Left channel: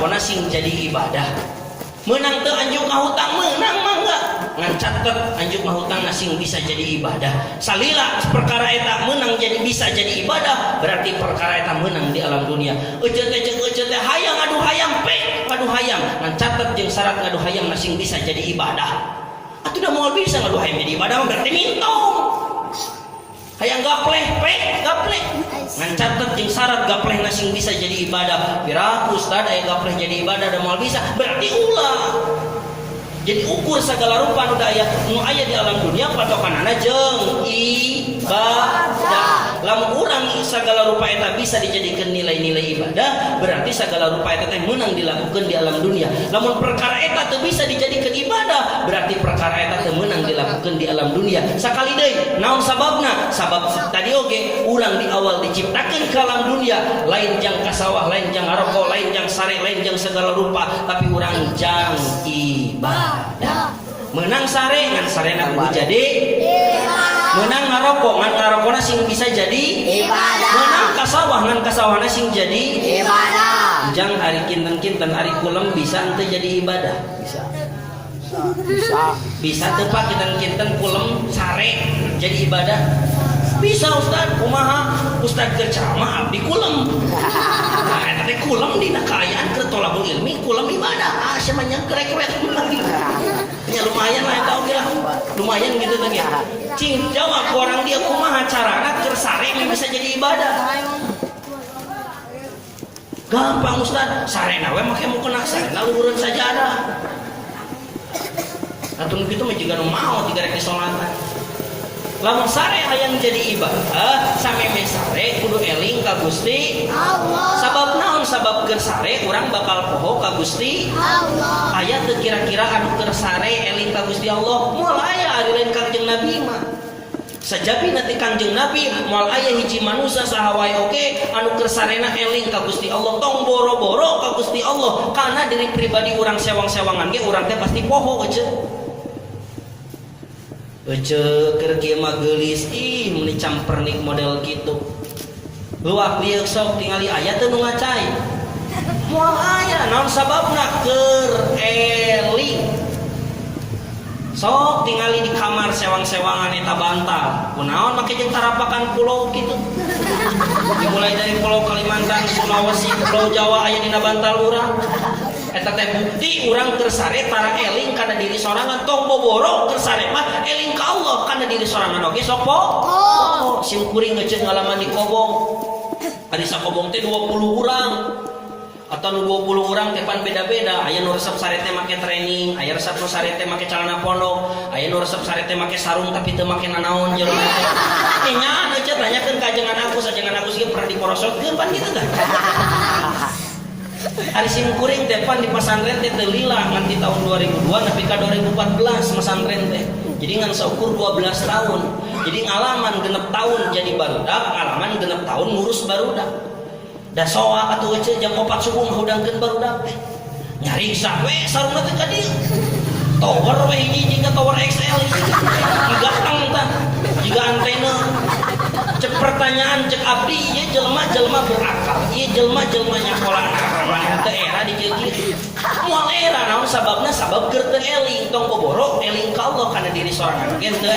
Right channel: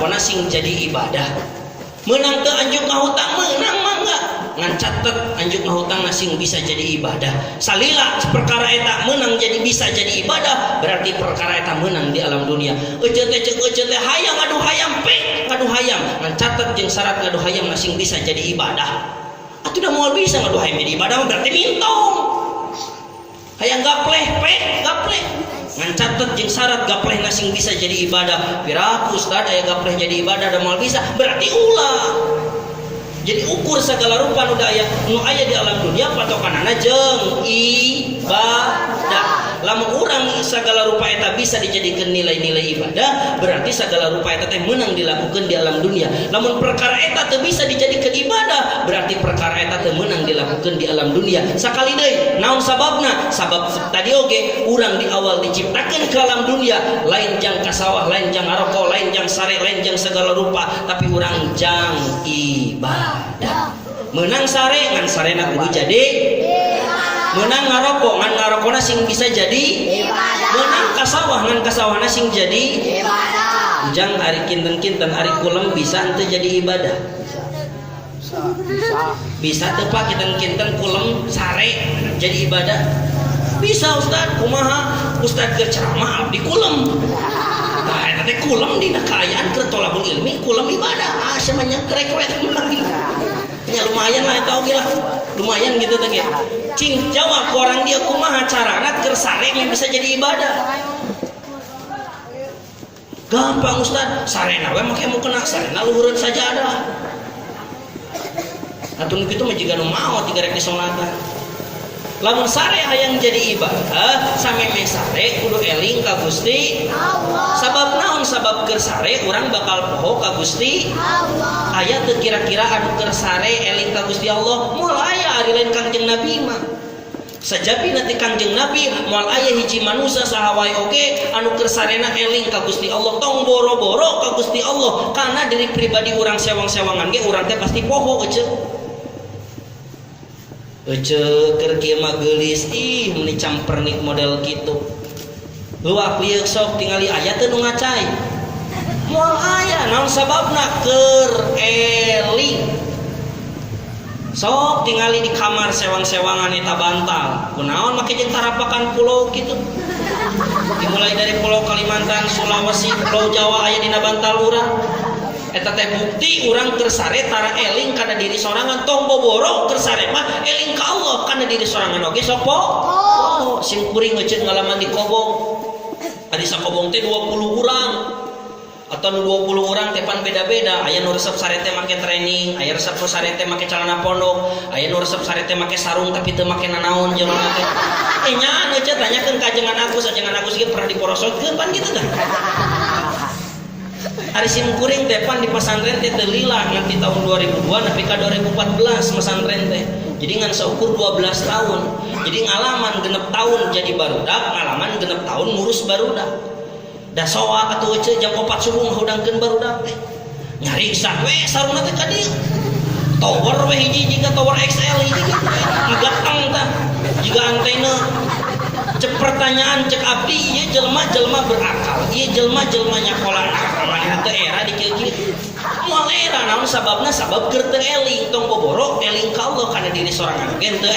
ngarokona sing jadi ibadah. Menang teu anjuk ngahutang menang mah enggak. Ngan catet anjuk ngahutang sing bisa jadi ibadah. Salila perkara eta menang jadi bisa jadi ibadah, berarti perkara eta menang di alam dunia. Euceut teh hayang adu hayam pe, adu hayam. Ngan catet jeung syarat adu hayam sing bisa jadi ibadah. Atuh da moal bisa ngadu hayam jadi ibadah berarti mintong. Hayang gapleh pe, gapleh. Ngan catet jeung syarat gapleh sing bisa jadi ibadah. Piraku ustad aya gapleh jadi ibadah da moal bisa, berarti ulah. Jadi ukur segala rupa nu aya di alam dunia patokanana jeung ibadah. Lamun urang segala rupa eta bisa dijadikan nilai-nilai ibadah, berarti segala rupa eta teh menang dilakukan di alam dunia. Lamun perkara eta teu bisa dijadikan ibadah, berarti perkara eta teu menang dilakukan di alam dunia. Sakali deui, naon sababna? Sabab tadi oge urang di awal diciptakan ke alam dunia, lain jang kasawah, lain jang ngaroko, lain jang sare, lain jang segala rupa, tapi urang jang ibadah. Menang sare ngan sarena kudu jadi menang ngaroko ngan ngarokona sing bisa jadi ibadah. Menang kasawah ngan kasawahna sing jadi ibadah. Jang ari kinten-kinten ari kulem bisa henteu jadi ibadah. Bisa teu Pak kinten-kinten kulem sare jadi ibadah? Bisa Ustaz. Kumaha? Ustaz keur ceramah abdi kulem. Nah, eta teh kulem dina kaayaan keur tolabul ilmi, kulem ibadah. Samanya krek-krek menang ibadah. Ya lumayan lah eta oge lah. Lumayan gitu teh ya. Cing jawab orang dia kumaha carana keur sare yang bisa jadi ibadah. Gampang Ustaz, sarena we make mau kena sarena luhureun saja ada. Atuh kitu mah jiga nu maot digarek disonatan. Lamun sare hayang jadi ibadah, sameme sare kudu eling ka Gusti Allah. Sabab naon? Sabab keur sare urang bakal poho ka Gusti Allah. Aya teu kira-kira anu keur sare eling ka Gusti Allah? Moal aya ari lain Kangjeng Nabi mah. Sajabi nanti Kangjeng Nabi moal aya hiji manusia saha wae oge anu keur sarena eling ka Gusti Allah, tong boro-boro ka Gusti Allah, karena diri pribadi urang sewang-sewangan ge urang teh pasti poho euceuk. Keur kieu mah geulis ih meuni campernik model kitu. Luak lieu sok tingali aya teu nu ngacai. Moal aya naon sababna keur eling. Sok tingali di kamar sewang-sewangan eta bantal. Kunaon make jeung tarapakan pulau kitu. Dimulai dari Pulau Kalimantan, Sulawesi, Pulau Jawa aya dina bantal urang. Eta teh bukti urang keur sare tara eling kana diri sorangan, tong boboro keur sare mah eling ka Allah kana diri sorangan oge sok poho. Sim kuring ngeuceut ngalaman di Kobong. Ari sakobong teh 20 urang. Atau 20 orang tepan beda-beda. Aya nu resep sare teh make training, aya resep sare teh make celana pondok, aya nu resep sare teh make sarung tapi teu make nanaon jelema teh. Nya aja tanyakeun ka ajengan Agus ge pernah diporosotkeun pan kitu tah. Ari sim kuring tepan di pasantren teh teu lila ngan di tahun 2002 nepi ka 2014 pesantren teh. Jadi ngan saukur 12 tahun. Jadi ngalaman genep tahun jadi barudak, ngalaman genep tahun ngurus barudak. Da soak atuh euceut jam 4 subuh ngahudangkeun barudak teh. Nyariksa we sarungna teh ka dieu. Tower we hiji jiga tower XL ieu. Gatang tah. Jiga antena. Cek pertanyaan cek abdi ieu jelema-jelema berakal. Ieu jelema-jelema nyakola maneh teh era di kieu-kieu. Moal era naon sababna? Sabab keur teu eling, tong boboro eling ka Allah kana diri sorangan gen teu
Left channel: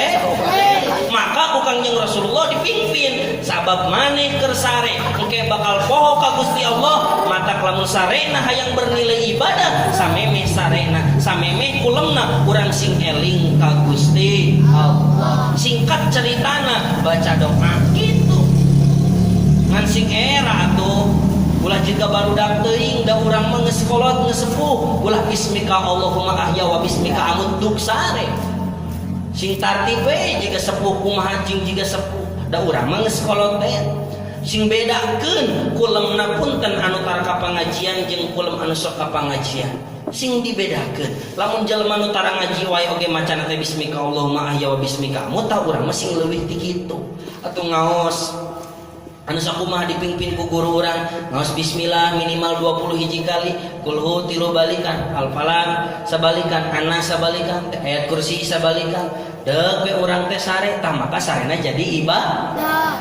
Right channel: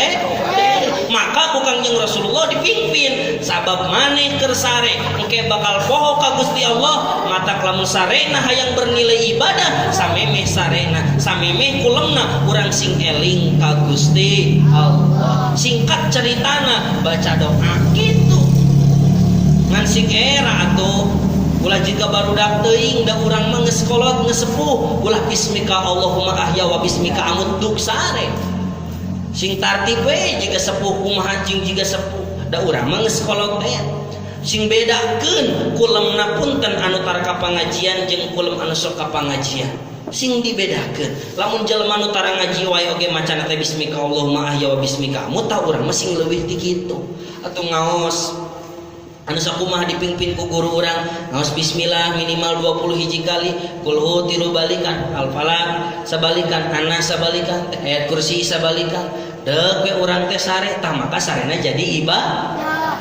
maka ku Kangjeng Rasulullah dipimpin sabab maneh keur sare engke bakal poho ka Gusti Allah, mata lamun sarena hayang bernilai ibadah samemeh sarena samemeh kulemna urang sing eling ka Gusti Allah. Singkat ceritana baca doa gitu ngan sing era atuh ulah jika barudak teuing da urang mah geus kolot geus sepuh ulah bismika Allahumma ahya wa bismika amut duk sare sing tartib we jika sepuh kumaha cing jika sepuh da urang mah geus kolot teh sing bedakeun kulemna punten anu tara ka pangajian jeung kulem anu sok ka pangajian sing dibedakeun lamun jelema nu tara ngaji wae oge macana teh bismika Allahumma ahya wa bismika amut tah urang mah sing leuwih ti kitu atuh ngaos anu sakumaha dipingpin ku guru urang ngaos bismillah minimal 20 hiji kali kulhu 3 balikan al-falaq sabalikan anas sabalikan ayat kursi sabalikan deuk we urang teh sare tah maka sarena jadi ibadah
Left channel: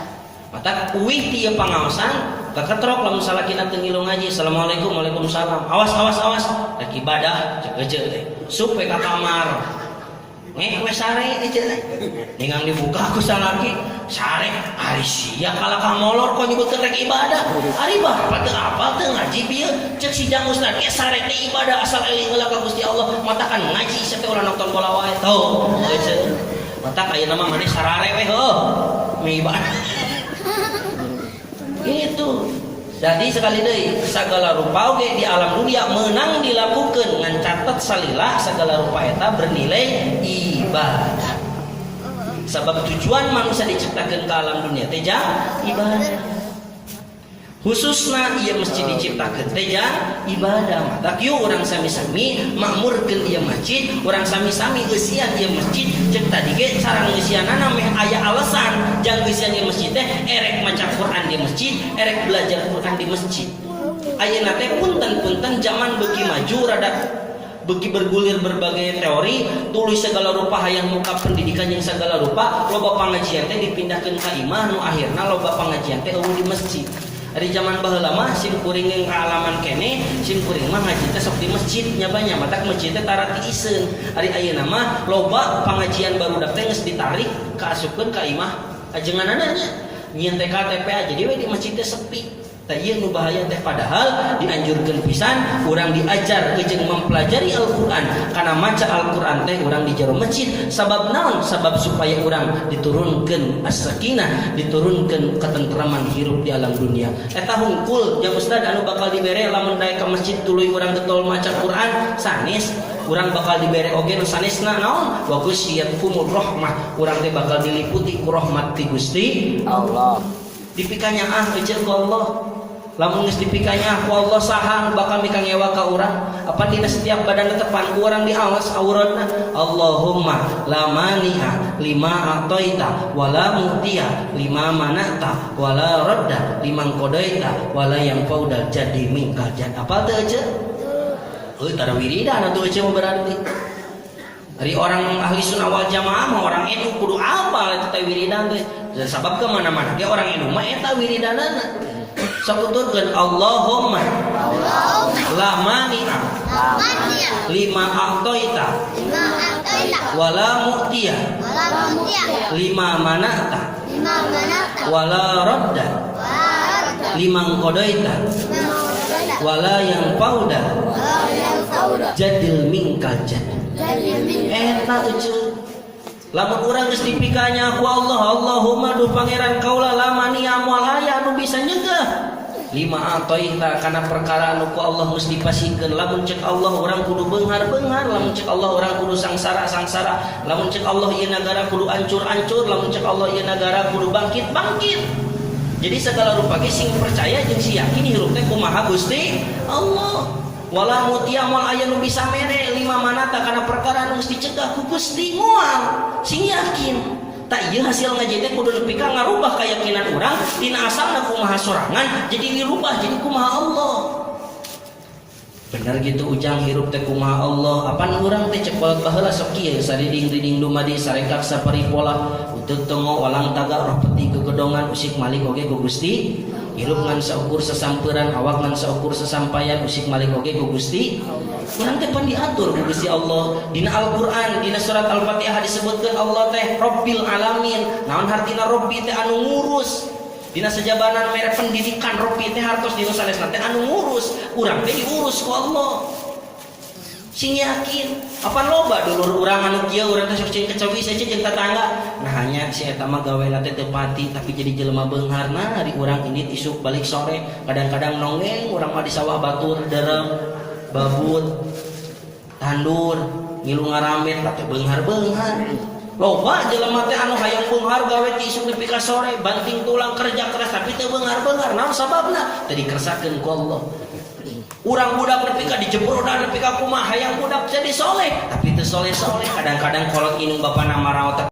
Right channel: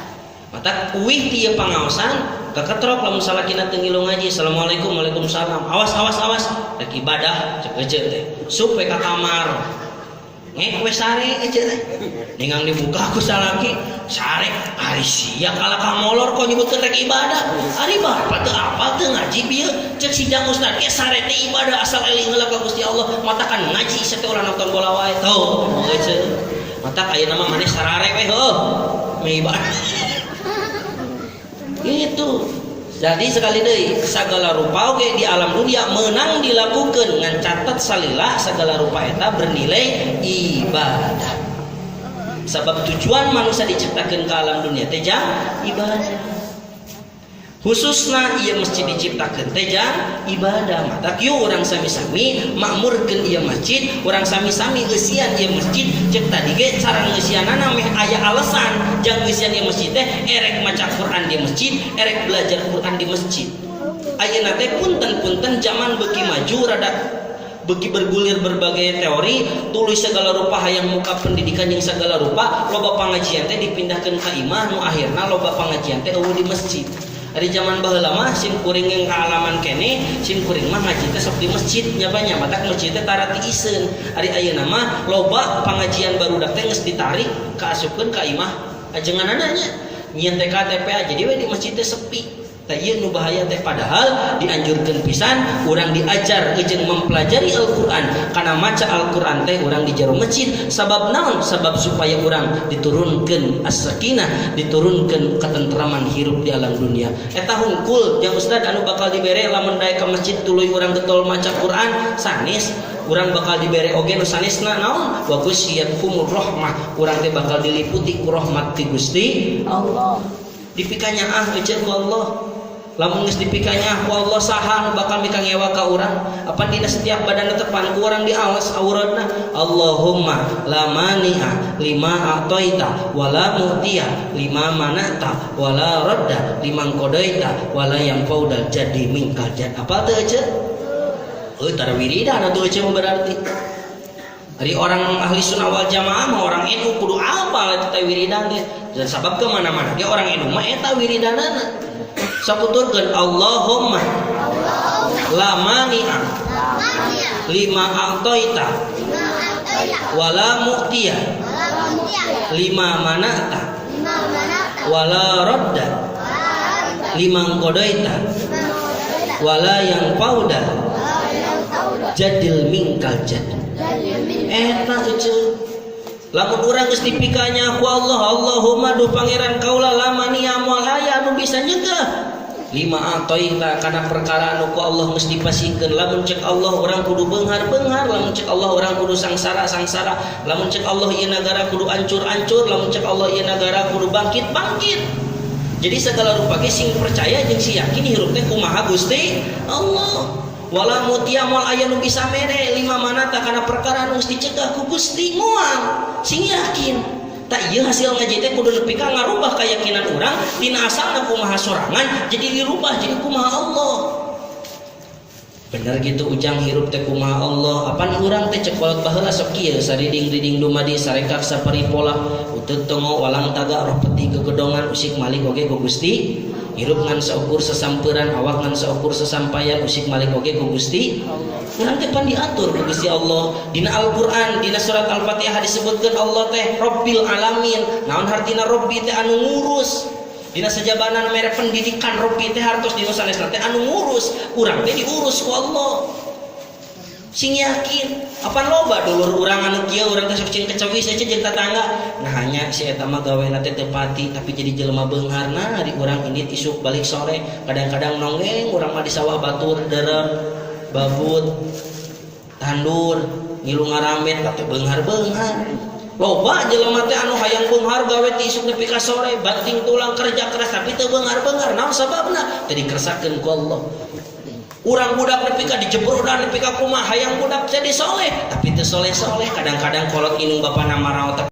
mata uwih ti pangaosan Kakatrok lamun salakina teu ngilu ngaji, assalamualaikum waalaikumsalam. Awas. Rek ibadah cek ece teh. Supe ka kamar. Ngek we sare ece teh. Ningang dibuka ku salaki, sare ari sia kala ka molor kok nyebutkeun rek ibadah. Ari bapak teu apa teu ngaji bieu. Cek si jang ustaz ge sare teh ibadah asal eling heula ka Gusti Allah. Matakan ngaji sateu urang nonton bola wae. Tuh, ece. Matak ayeuna mah maneh sarare we heuh. Me ibadah. Itu jadi sekali deui sagala rupa oge di alam dunia menang dilakukan ngan catat salilah sagala rupa eta bernilai ibadah. Sebab tujuan manusia diciptakan ke alam dunia teh ibadah. Khususna ieu masjid diciptakeun teh ibadah. Mata kieu urang sami-sami makmurkeun ieu masjid, urang sami-sami eusian ieu masjid. Cek tadi ge cara ngeusianana meh aya alasan jang eusian ieu masjid teh erek maca Quran di masjid, erek belajar Quran di masjid. Ayeuna teh punten-punten zaman beuki maju rada beuki bergulir berbagai teori, tulis segala rupa hayang muka pendidikan yang segala rupa, loba pangajian teh dipindahkeun ka imah nu akhirna loba pangajian teh eueuh di masjid. Dari zaman baheula mah sim kuring yang kaalaman kene, sim kuring mah ngaji teh sok di masjid nya banyak, matak masjid teh tara ti iseun. Ari ayeuna mah loba pangajian barudak teh geus ditarik kaasupkeun ka imah ajenganana nya. Nyieun teh KTP aja jadi we di masjid teh sepi. Tah ieu nu bahaya teh padahal dianjurkeun pisan urang diajar jeung mempelajari Al-Qur'an. Kana maca Al-Qur'an teh urang di jero masjid. Sabab naon? Sabab supaya urang diturunkeun as-sakinah, diturunkeun ketentraman hirup di alam dunia. Eta hungkul jeung ustad anu bakal dibere lamun daek ka masjid tuluy urang getol maca Qur'an sanes. Urang bakal dibere oge nu sanesna naon? Wa ghasyiyatkumur rahmah. Urang teh bakal diliputi ku rahmat ti Gusti Allah. Dipikanya ejeur ku Allah. Lamun geus dipikanya ku Allah sahang bakal mika ngewa ka urang. Apa dina setiap badan tepan ku urang di awas auratna. Allahumma la mani'a lima a'taita wa la mu'tiya lima mana'ta wa la radda liman qadaita wa la yanfa'u jadi minkal jad. Apa teu ece? Euy tara wiridan atuh ece berarti. Dari orang ahli sunnah wal jamaah mah orang NU kudu apal eta teh wiridan teh. Dan sabab ke mana-mana ge orang NU mah eta wiridanana. Sakuturkeun Allahumma la mani'a lima a'taita wala mu'tiya lima mana'ta wala radda liman qadaita wala yang pauda jadil minkal jad. Eta ece lamun urang geus dipikanya ku Allah, Allahumma duh pangeran kaula lamani amal aya anu bisa nyegah lima atoita kana perkara anu ku Allah mesti pasikeun. Lamun cek Allah urang kudu beunghar-beunghar, lamun cek Allah urang kudu sangsara-sangsara, lamun cek Allah ieu nagara kudu ancur-ancur, lamun cek Allah ieu nagara kudu bangkit-bangkit. Jadi segala rupa ge sing percaya jeung si yakin hirup teh kumaha Gusti Allah. Wala mutia mal aya nu bisa mere lima manata kana perkara anu mesti cegah ku Gusti moal sing yakin. Tak ieu hasil ngaji teh kudu nepi ka ngarubah keyakinan urang tina asalna kumaha sorangan jadi dirubah jadi kumaha Allah. Bener gitu ujang hirup teh kumaha Allah. Apan urang teh cek kolot baheula sok kieu sariding-riding dumadi sarekak saparipola uteuh tongo walang taga roh peti gegedongan usik malik oge ku Gusti. Hirup ngan saukur sesamperan, awak ngan saukur sesampaian, usik malik oge ku Gusti. Urang teh pan diatur ku Gusti Allah. Dina Al-Qur'an, dina surat Al-Fatihah disebutkeun Allah teh Rabbil Alamin. Naon hartina Rabbi teh anu ngurus. Dina sejabanan mere pendidikan Rabbi teh hartos dina sanesna teh anu ngurus. Urang teh diurus ku Allah. Sing yakin, apan loba dulur urang anu kieu urang teh sok cing kecawi saja jeung tetangga. Nah hanya si eta mah gaweana teh teu pati tapi jadi jelema beunghar. Nah di urang indit isuk balik sore, kadang-kadang nonggeng urang mah di sawah batur derep, babut, tandur, ngilu ngaramet teh beunghar-beunghar. Loba jelema teh anu hayang beunghar gawe ti isuk nepi ka sore, banting tulang kerja keras tapi teu beunghar-beunghar. Naon sababna? Teu dikersakeun ku Allah. Urang budak nepi ka dijebur dan nepi ka kumaha hayang budak jadi soleh tapi teu soleh-soleh. Kadang-kadang kolot inung bapana marah otak